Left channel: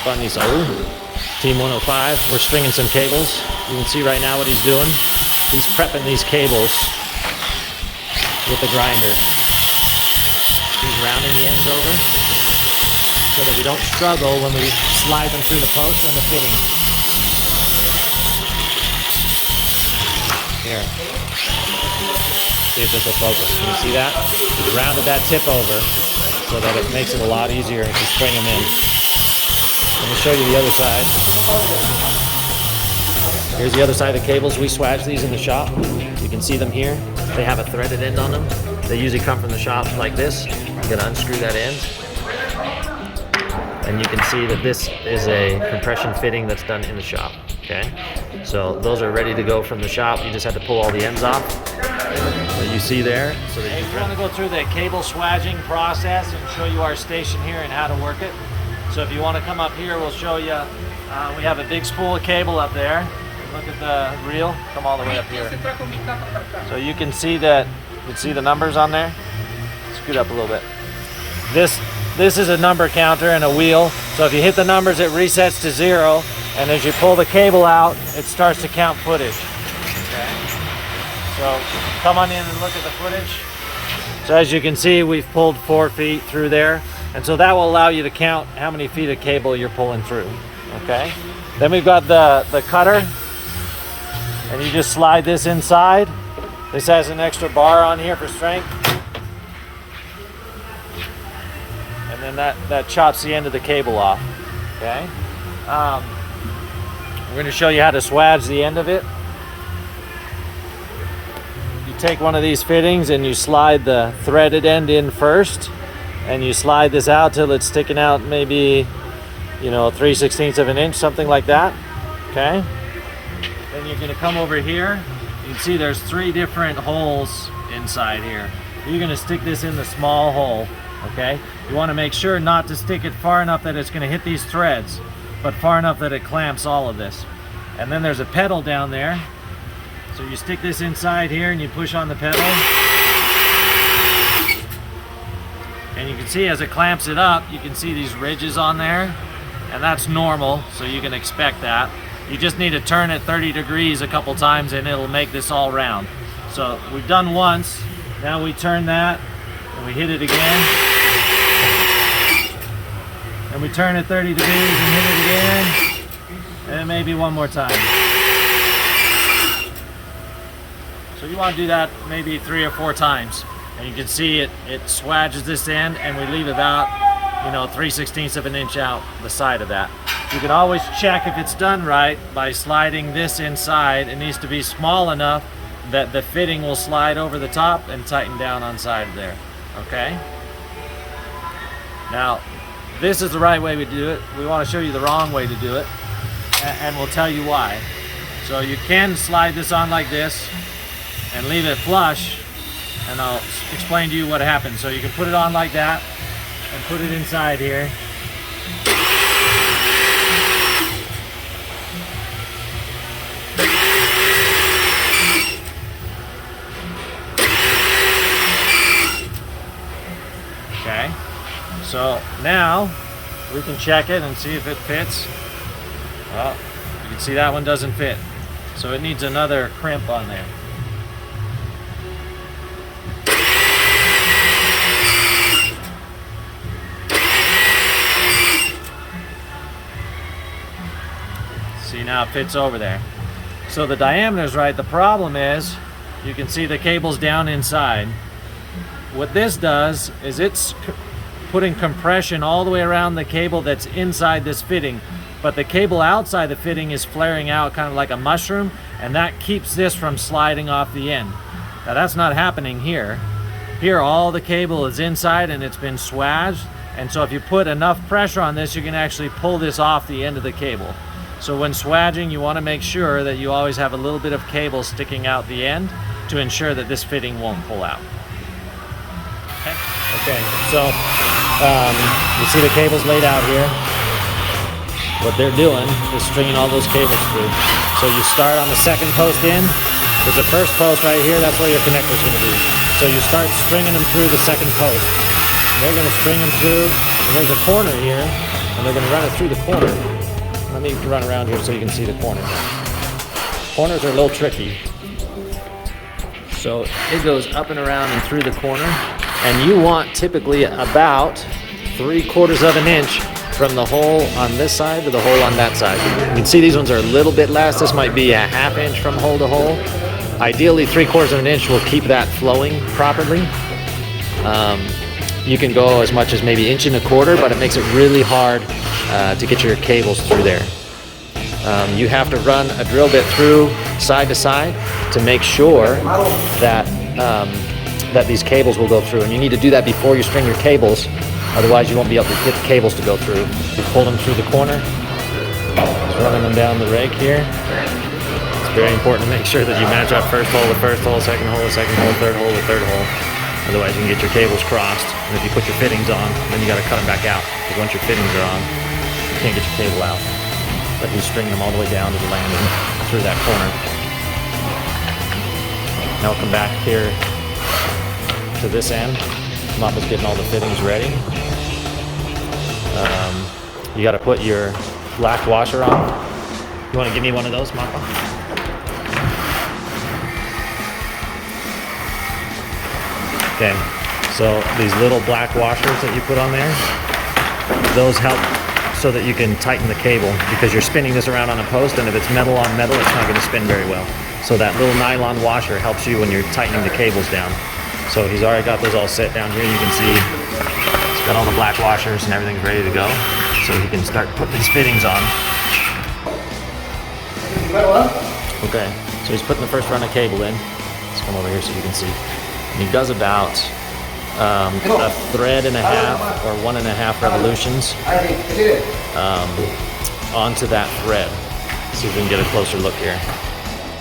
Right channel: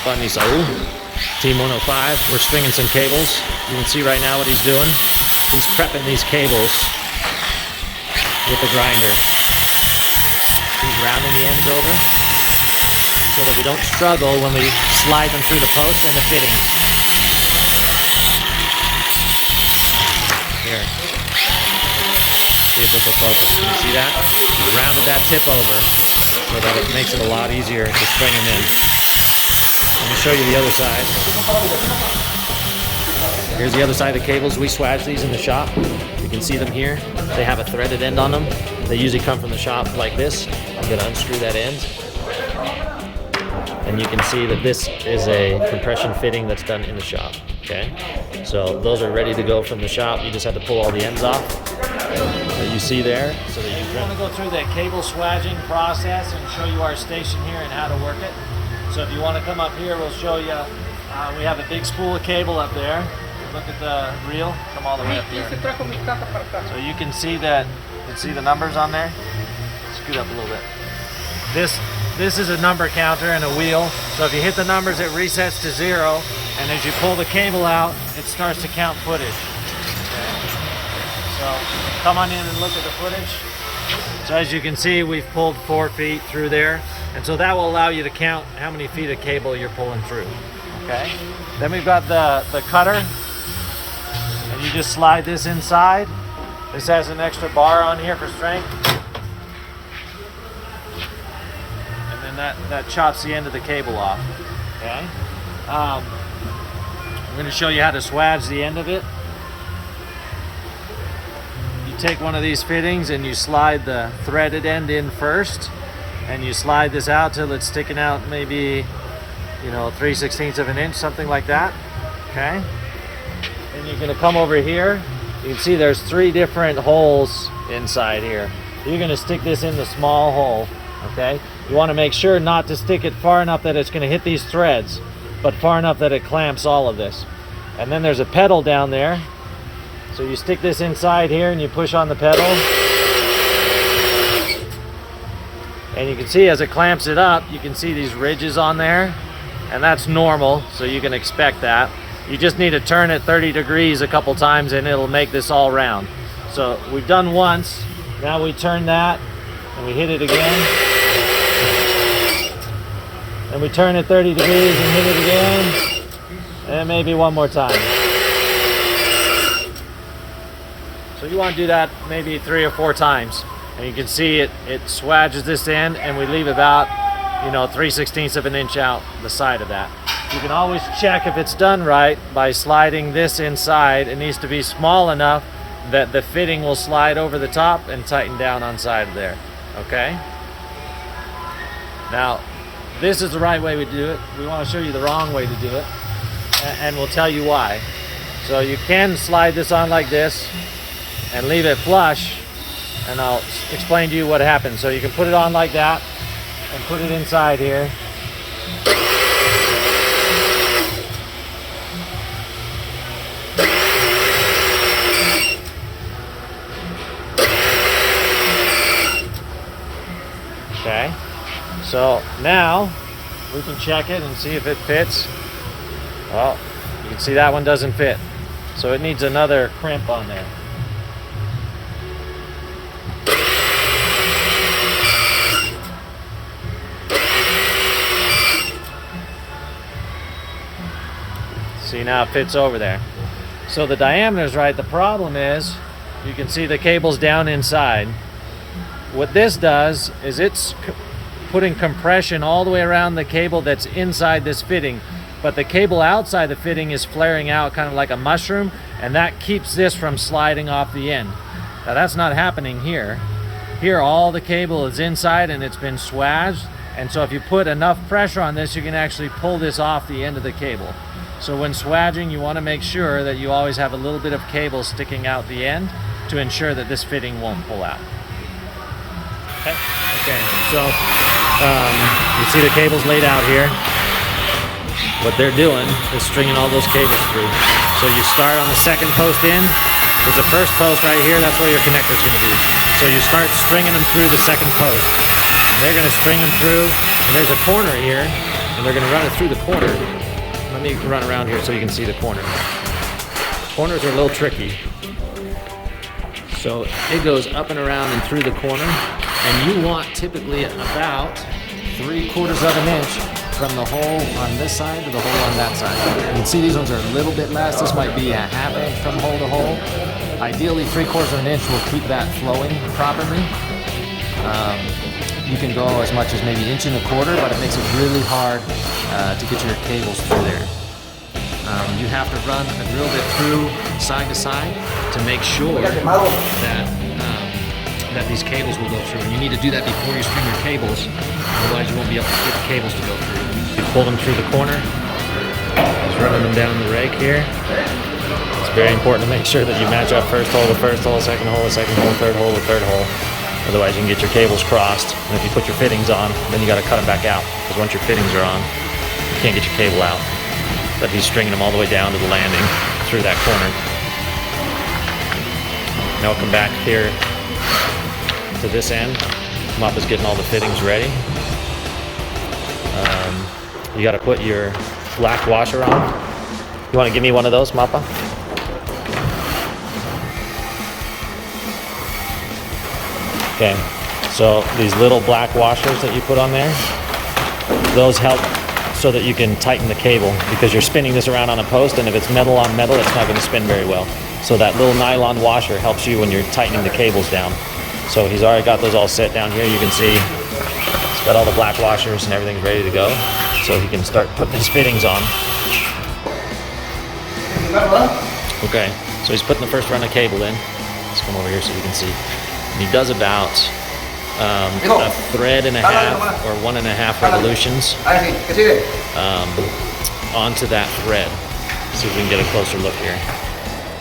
hop on these. Oh, Team 105. We're stringing some cables. You can see right now what he's doing. He's prepping these cables with the grinder. He's rounding the ends over so that we don't struggle when we slide them through the post and the fitting. Here. See if this will focus. Can you see that? We rounded that tip over so that it makes it a lot easier to string them in. Let me show you the other side. Here's the other side of the cables. We swage these in the shop. You can see them here. They have a threaded end on them. They usually come from the shop like this. You gotta unscrew that end. And you can see that this is a compression fitting that's done in the shop, okay? So those are ready to go from the shop. You just have to pull all the ends off that you see there so that you can. I want to go through the cable swaging process and show you our station here and how to work it. So if you want to come up here, we'll show you. We have a big spool of cable up there. Look at the reel. Come all the way up here. So you can see that. You can see the numbers on there. Scoot up a little bit. This is a number counter and a wheel. So if you hit the numbers, it resets to 0. And as you pull the cable out, it starts to count footage. Okay. So come on in and look at the footage. So as you can see, we've pulled 4 feet through there. And so that will allow you to count how many feet of cable you're pulling through. Okay. Then we've got the cutter. And you just slide this inside. This has an extra bar on here for strength. And then that chops the end of the cable off. Okay. We're going to show you how to swage the end of it. You take one of these fittings and you slide the threaded end in first. And you slide this out till it's sticking out maybe, 3/16 of an inch, something like that. Okay. Then you're going to come over here. You can see there's 3 different holes inside here. You're going to stick this in the small hole. Okay. You want to make sure not to stick it far enough that it's going to hit these threads, but far enough that it clamps all of this. And then there's a pedal down there. So you stick this inside here and you push on the pedal. And you can see as it clamps it up, you can see these ridges on there. And that's normal, so you can expect that. We just need to turn it 30 degrees a couple times and it'll make this all round. So we've done once. Now we turn that and we hit it again. And we turn it 30 degrees and hit it again. And maybe one more time. So you want to do that maybe 3 or 4 times. And you can see it swages this end and we leave about, 3/16 of an inch out the side of that. You can always check if it's done right by sliding this inside. It needs to be small enough that the fitting will slide over the top and tighten down on side of there. Okay? Now, this is the right way we do it. We want to show you the wrong way to do it, and we'll tell you why. So you can slide this on like this and leave it flush, and I'll explain to you what happens. So you can put it on like that and put it inside here. Okay, so now we can check it and see if it fits. Well, you can see that one doesn't fit. So it needs another crimp on there. See, now it fits over there. So the diameter's right. The problem is you can see the cable's down inside. What this does is it's putting compression all the way around the cable that's inside this fitting, but the cable outside the fitting is flaring out kind of like a mushroom, and that keeps this from sliding off the end. Now that's not happening here. Here all the cable is inside and it's been swaged, and so if you put enough pressure on this, you can actually pull this off the end of the cable. So when swaging, you want to make sure that you always have a little bit of cable sticking out the end to ensure that this fitting won't pull out. Okay, so you see the cables laid out here. What they're doing is stringing all those cables through. So you start on the second post in. There's the first post right here. That's where your connector's going to be. So you start stringing them through the second post. They're going to string them through, and there's a corner here. and they're going to run it through the corner. Let me run around here so you can see the corner. Corners are a little tricky. So it goes up and around and through the corner, and you want typically about 3/4 of an inch from the hole on this side to the hole on that side. You can see these ones are a little bit less. This might be a 1/2 inch from hole to hole. Ideally, 3/4 of an inch will keep that flowing properly. You can go as much as maybe 1.25 inches, but it makes it really hard to get your cables through there. You have to run a drill bit through side to side to make sure that that these cables will go through, and you need to do that before you string your cables. Otherwise, you won't be able to get the cables to go through. You pull them through the corner. Just running them down the rake here. It's very important to make sure that you match up first hole with first hole, second hole with second hole, third hole with third hole. Otherwise, you can get your cables crossed. And if you put your fittings on, then you got to cut them back out. Because once your fittings are on, you can't get your cable out. But he's stringing them all the way down to the landing through that corner. Now we'll come back here to this end. Mappa's getting all the fittings ready. You got to put your black washer on. You want to give me one of those, Mappa? Okay, so these little black washers that you put on there, those help so that you can tighten the cable, because you're spinning this around on a post, and if it's metal on metal, it's not going to spin very well. So that little nylon washer helps you when you're tightening the cables down. So he's already got those all set down here. You can see he's got all the black washers and everything's ready to go. So he can start putting his fittings on. Okay, so he's putting the first run of cable in. Let's come over here so you can see. And he does about a thread and a half or 1.5 revolutions onto that thread. See if we can get a closer look here.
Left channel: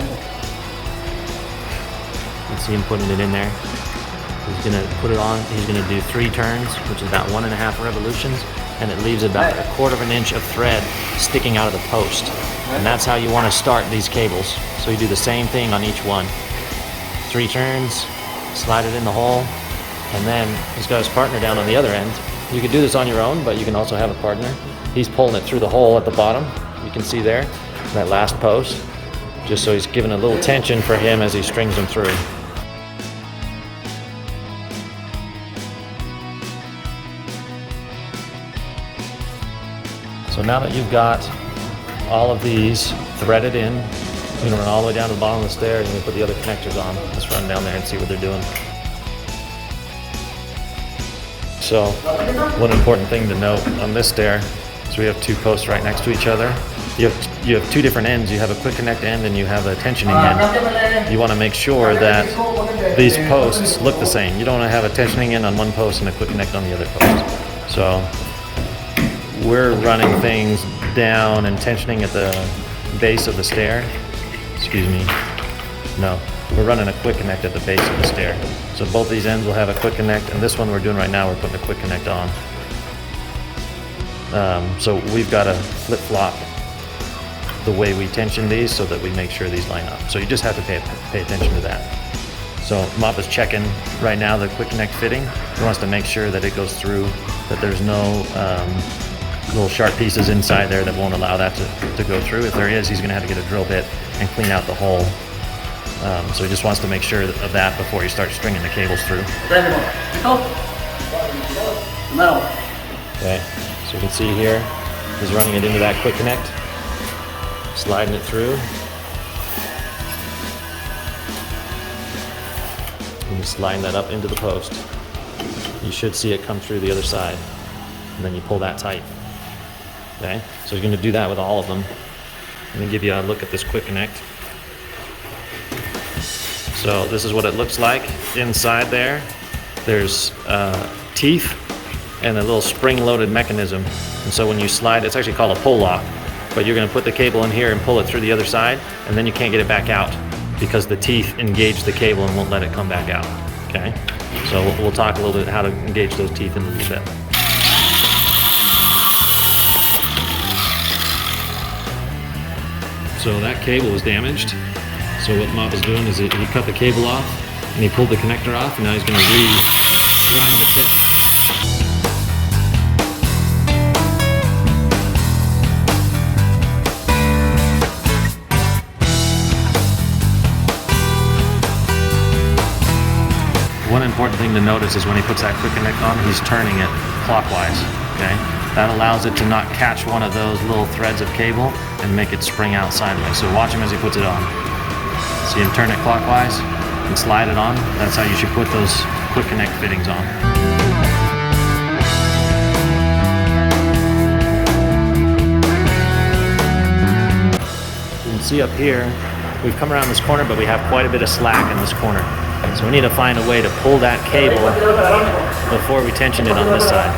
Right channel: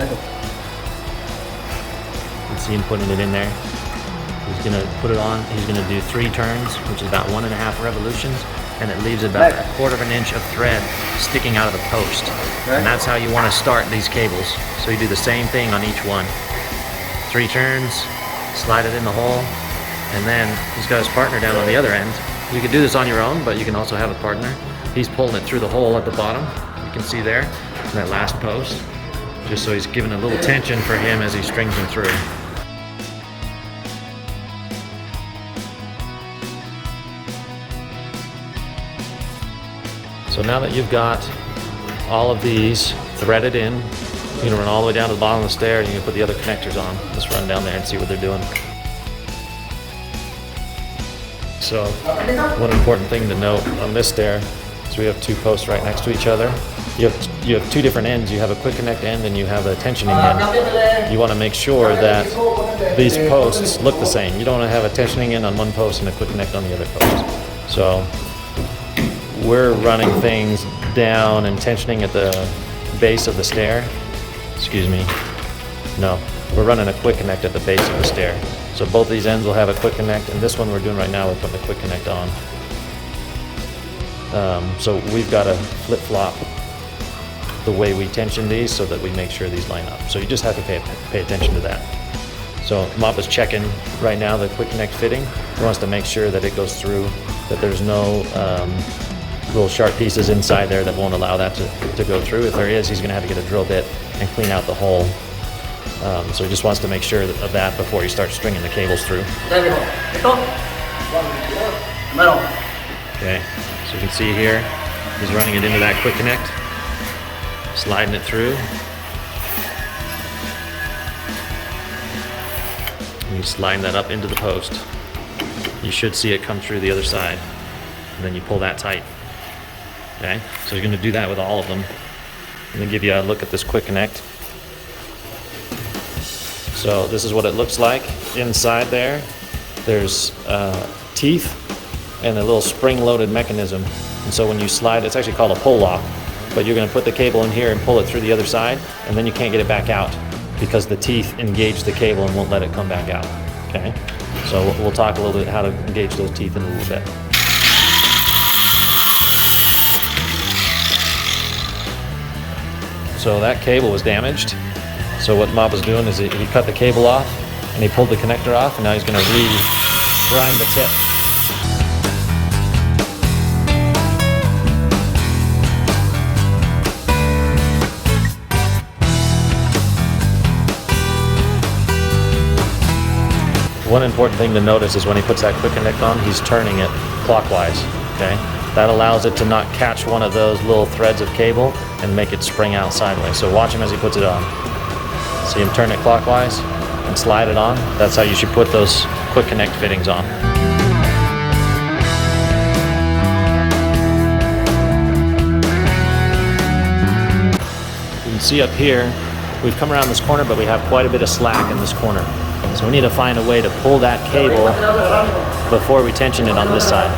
You can see him putting it in there. He's gonna put it on. He's gonna do 3 turns, which is about 1.5 revolutions, and it leaves about 1/4 inch of thread sticking out of the post. And that's how you want to start these cables. So you do the same thing on each one. 3 turns, slide it in the hole, and then he's got his partner down on the other end. You can do this on your own, but you can also have a partner. He's pulling it through the hole at the bottom. You can see there, that last post. Just so he's giving a little tension for him as he strings them through. So now that you've got all of these threaded in, you can run all the way down to the bottom of the stair and you can put the other connectors on. Let's run down there and see what they're doing. So one important thing to note on this stair is we have 2 posts right next to each other. You have 2 different ends. You have a quick connect end and you have a tensioning end. You want to make sure that these posts look the same. You don't want to have a tensioning end on one post and a quick connect on the other post. So we're running things down and tensioning at the base of the stair. Excuse me. No, we're running a quick connect at the base of the stair. So both these ends will have a quick connect, and this one we're doing right now, we're putting a quick connect on. So we've got to flip-flop the way we tension these so that we make sure these line up. So you just have to pay attention to that. So Mappa's checking right now the quick connect fitting. He wants to make sure that it goes through, that there's no little sharp pieces inside there that won't allow that to go through. If there is, he's going to have to get a drill bit and clean out the hole. So he just wants to make sure of that before he starts stringing the cables through. Okay, so you can see here, he's running it into that quick connect, sliding it through. And he's sliding that up into the post. You should see it come through the other side, and then you pull that tight. Okay, so he's going to do that with all of them. Let me give you a look at this quick connect. So this is what it looks like inside there. There's teeth and a little spring-loaded mechanism. And so when you slide, it's actually called a pull lock, but you're going to put the cable in here and pull it through the other side, and then you can't get it back out because the teeth engage the cable and won't let it come back out. Okay, so we'll talk a little bit how to engage those teeth in a little bit. So that cable was damaged. So what Mappa's doing is he cut the cable off and he pulled the connector off, and now he's going to re-grind the tip. one important thing to notice is when he puts that quick connect on, he's turning it clockwise, okay? That allows it to not catch one of those little threads of cable and make it spring out sideways. So watch him as he puts it on. See him turn it clockwise and slide it on. That's how you should put those quick connect fittings on. You can see up here, we've come around this corner, but we have quite a bit of slack in this corner. So we need to find a way to pull that cable before we tension it on this side,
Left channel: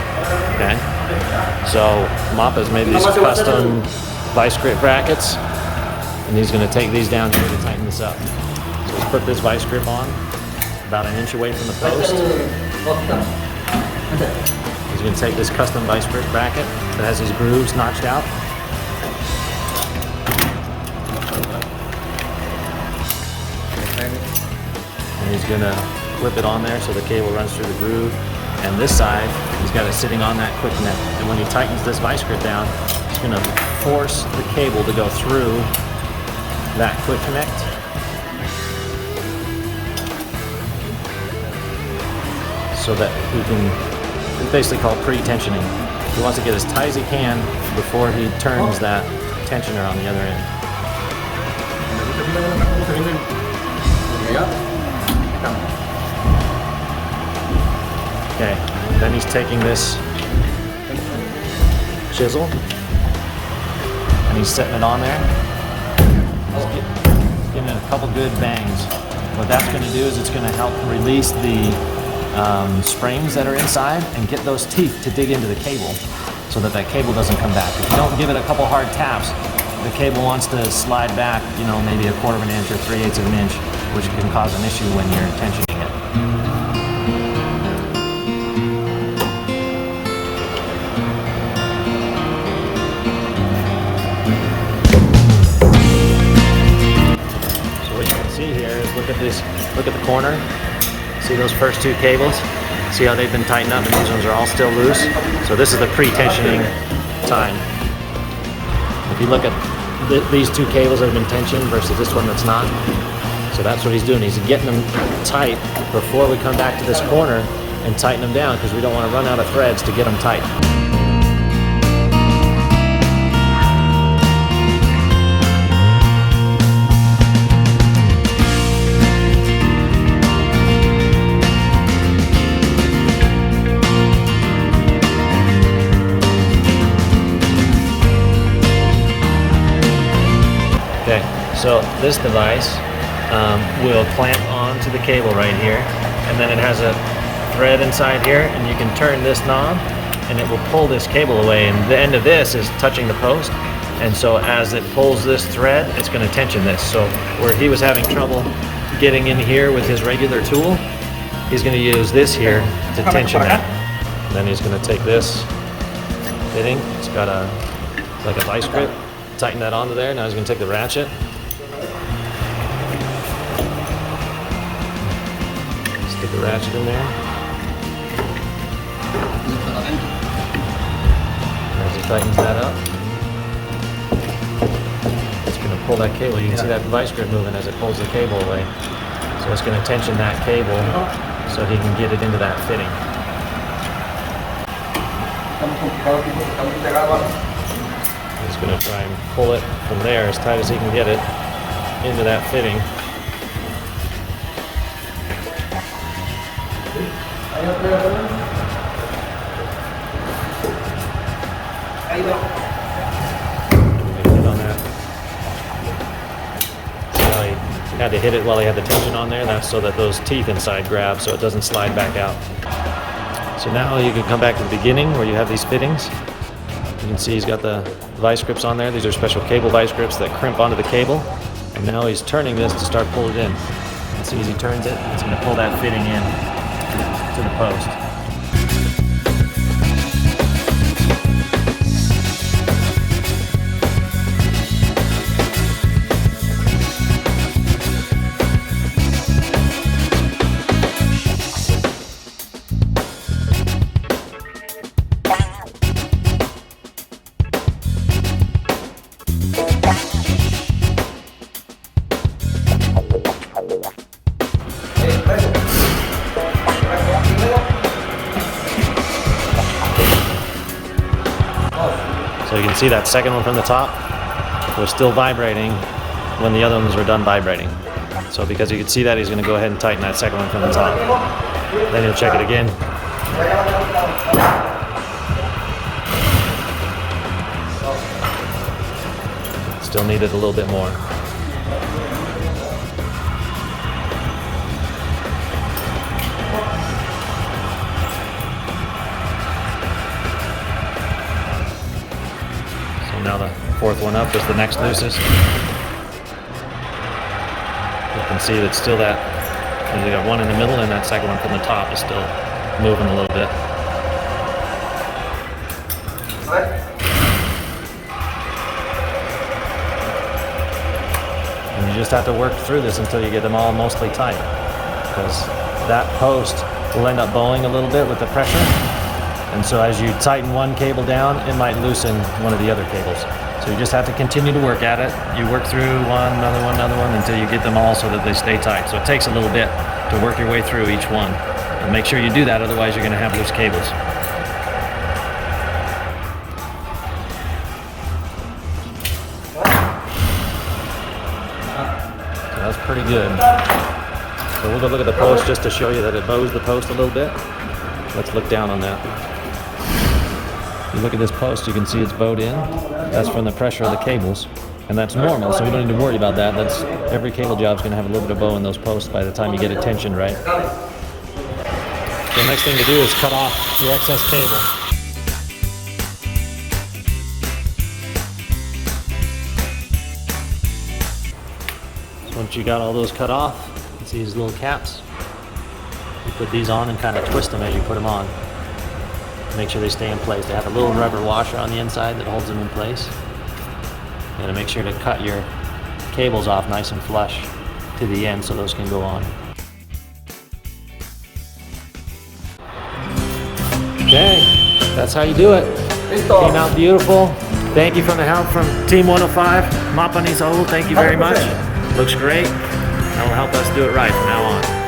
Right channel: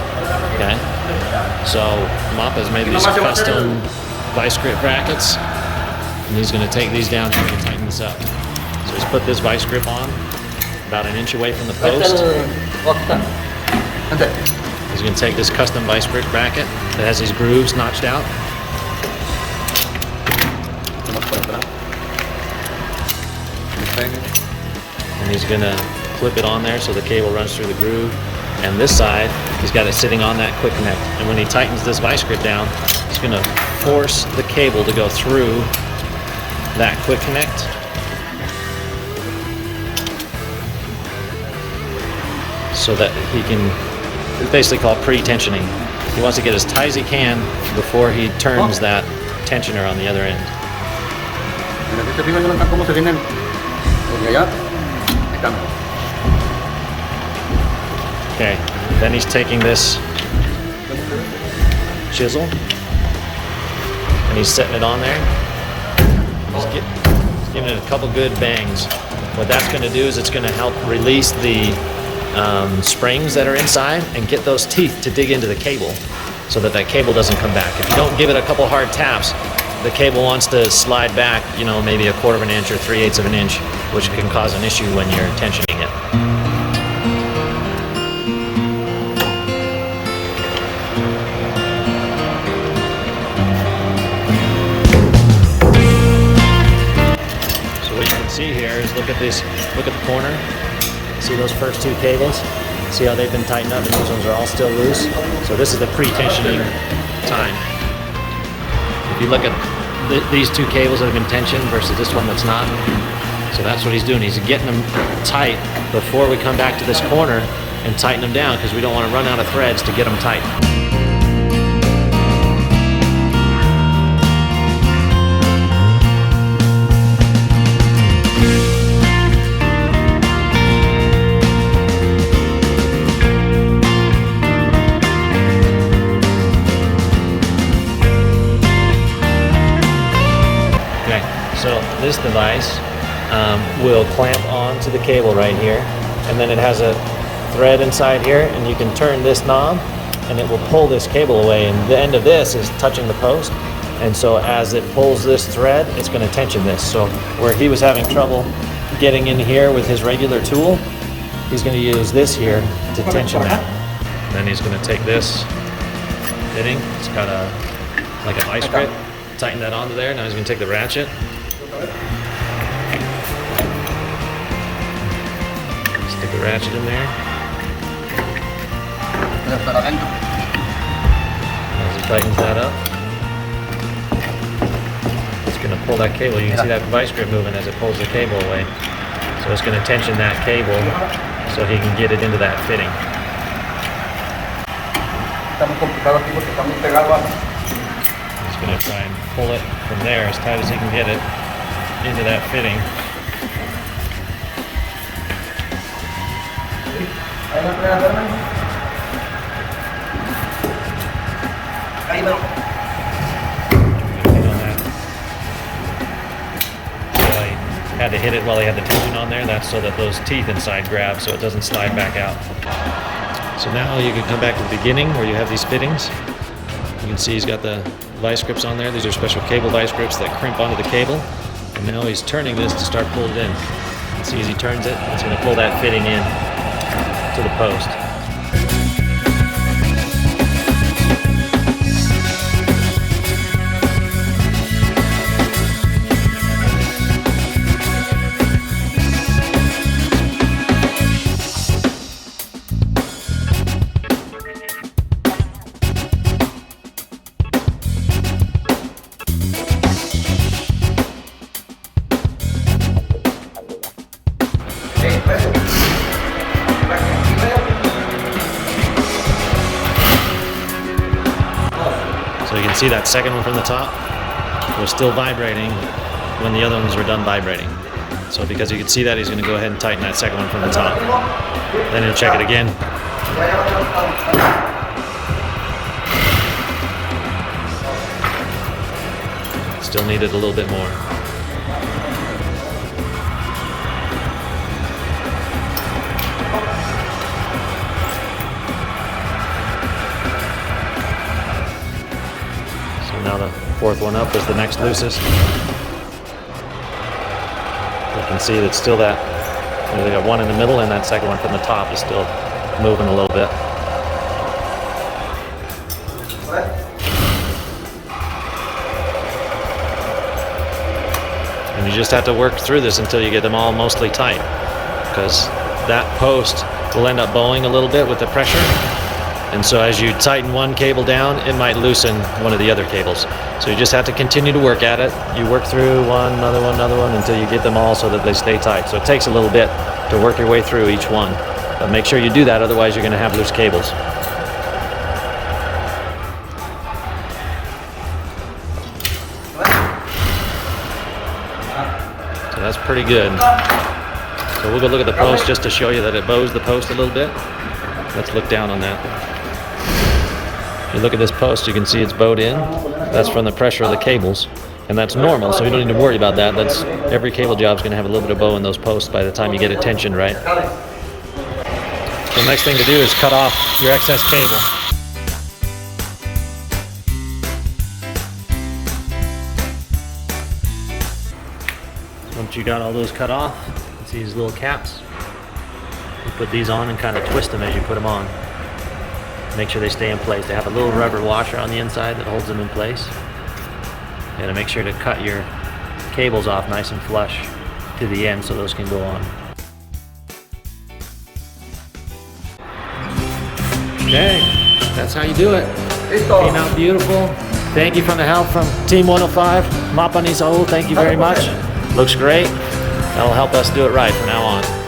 okay? So Mappa's made these custom vice grip brackets, and he's going to take these down here to tighten this up. So he's put this vice grip on about an inch away from the post. He's going to take this custom vice grip bracket that has these grooves notched out. And he's going to clip it on there so the cable runs through the groove. And this side, he's got it sitting on that quick connect. And when he tightens this vice grip down, he's going to force the cable to go through that quick connect. So that he can, we basically call it pre-tensioning. He wants to get as tight as he can before he turns that tensioner on the other end. Okay, then he's taking this chisel and he's setting it on there. He's giving it a couple good bangs. What that's going to do is it's going to help release the springs that are inside and get those teeth to dig into the cable so that that cable doesn't come back. If you don't give it a couple hard taps, the cable wants to slide back, you know, maybe 1/4 of an inch or 3/8 of an inch, which can cause an issue when you're tensioning it. So what you can see here is look at this, look at the corner. See those first two cables? See how they've been tightened up and these ones are all still loose? So this is the pre-tensioning time. If you look at these two cables that have been tensioned versus this one that's not, so that's what he's doing. He's getting them tight before we come back to this corner and tighten them down because we don't want to run out of threads to get them tight. Okay, so this device will clamp onto the cable right here, and then it has a thread inside here, and you can turn this knob and it will pull this cable away, and the end of this is touching the post, and so as it pulls this thread, it's going to tension this. So where he was having trouble getting in here with his regular tool, he's going to use this here to tension that. Then he's going to take this fitting, it's got a like a vice grip, tighten that onto there. Now he's going to take the ratchet, stick the ratchet in there. As he tightens that up, it's going to pull that cable. You can see that vice grip moving as it pulls the cable away. So it's going to tension that cable so he can get it into that fitting. He's going to try and pull it from there as tight as he can get it into that fitting. Hit on that. See how he had to hit it while he had the tension on there? That's so that those teeth inside grab so it doesn't slide back out. So now you can come back to the beginning where you have these fittings. You can see he's got the vice grips on there. These are special cable vice grips that crimp onto the cable. And now he's turning this to start pulling it in. You can see as he turns it, it's going to pull that fitting in to the post. So you can see that second one from the top was still vibrating when the other ones were done vibrating. So because you can see that, he's going to go ahead and tighten that second one from the top. Then he'll check it again. Still needed a little bit more. So now the fourth one up was the next loosest. You can see that still they got one in the middle, and that second one from the top is still moving a little bit. And you just have to work through this until you get them all mostly tight, because that post will end up bowing a little bit with the pressure. And so as you tighten one cable down, it might loosen one of the other cables. So you just have to continue to work at it. You work through another one until you get them all so that they stay tight. So it takes a little bit to work your way through each one. But make sure you do that, otherwise you're going to have loose cables. So that's pretty good. So we'll go look at the post just to show you that it bows the post a little bit. Let's look down on that. If you look at this post, you can see it's bowed in. That's from the pressure of the cables, and that's normal, so you don't need to worry about that. That's every cable job is going to have a little bit of bow in those posts by the time you get it tensioned right. The next thing to do is cut off your excess cable. So once you got all those cut off, you can see these little caps. You put these on and kind of twist them as you put them on. Make sure they stay in place. They have a little rubber washer on the inside that holds them in place. You gotta make sure to cut your cables off nice and flush to the end so those can go on. Okay, that's how you do it. Came out beautiful. Thank you from the help from Team 105. Mapanisahu, thank you very much. Looks great. That will help us do it right from now on.